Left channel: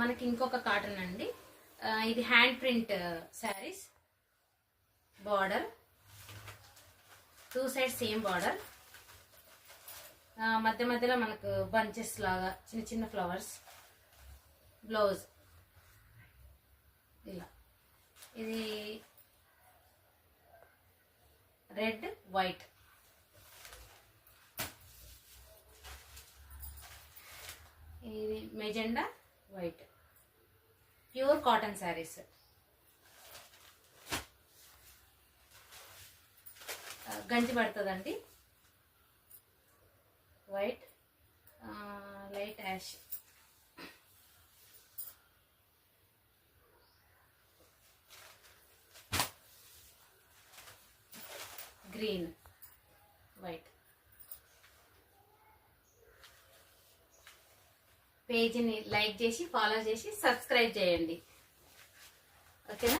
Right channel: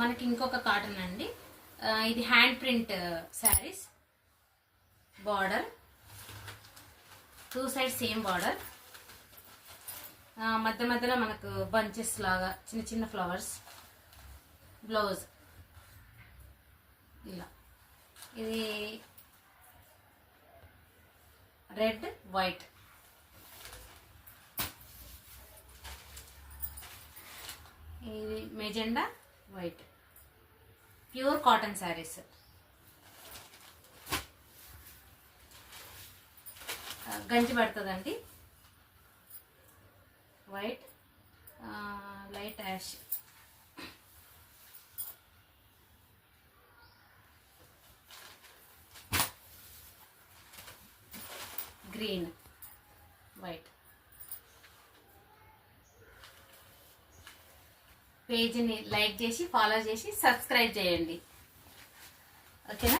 మనకి ఇంకొక కాటన్ అండి. ఇది హ్యాండ్ ప్రింట్ శారీస్. బార్డర్ 2 సైడ్స్ సేమ్ బార్డర్. మధ్య మధ్యలో మనకు బంచెస్ లాగా చిన్న చిన్న ఫ్లవర్స్. బ్లౌజ్ ఇలా. ఇది రెడ్ వైట్. ఇది magenta white. Pure cotton saris. గంజి పడుతుందండి. White, light ash, green, white. పేజీని లైక్ చేసి ఫాలో చేసి సబ్స్క్రైబ్ చేయండి. ఓకేనా?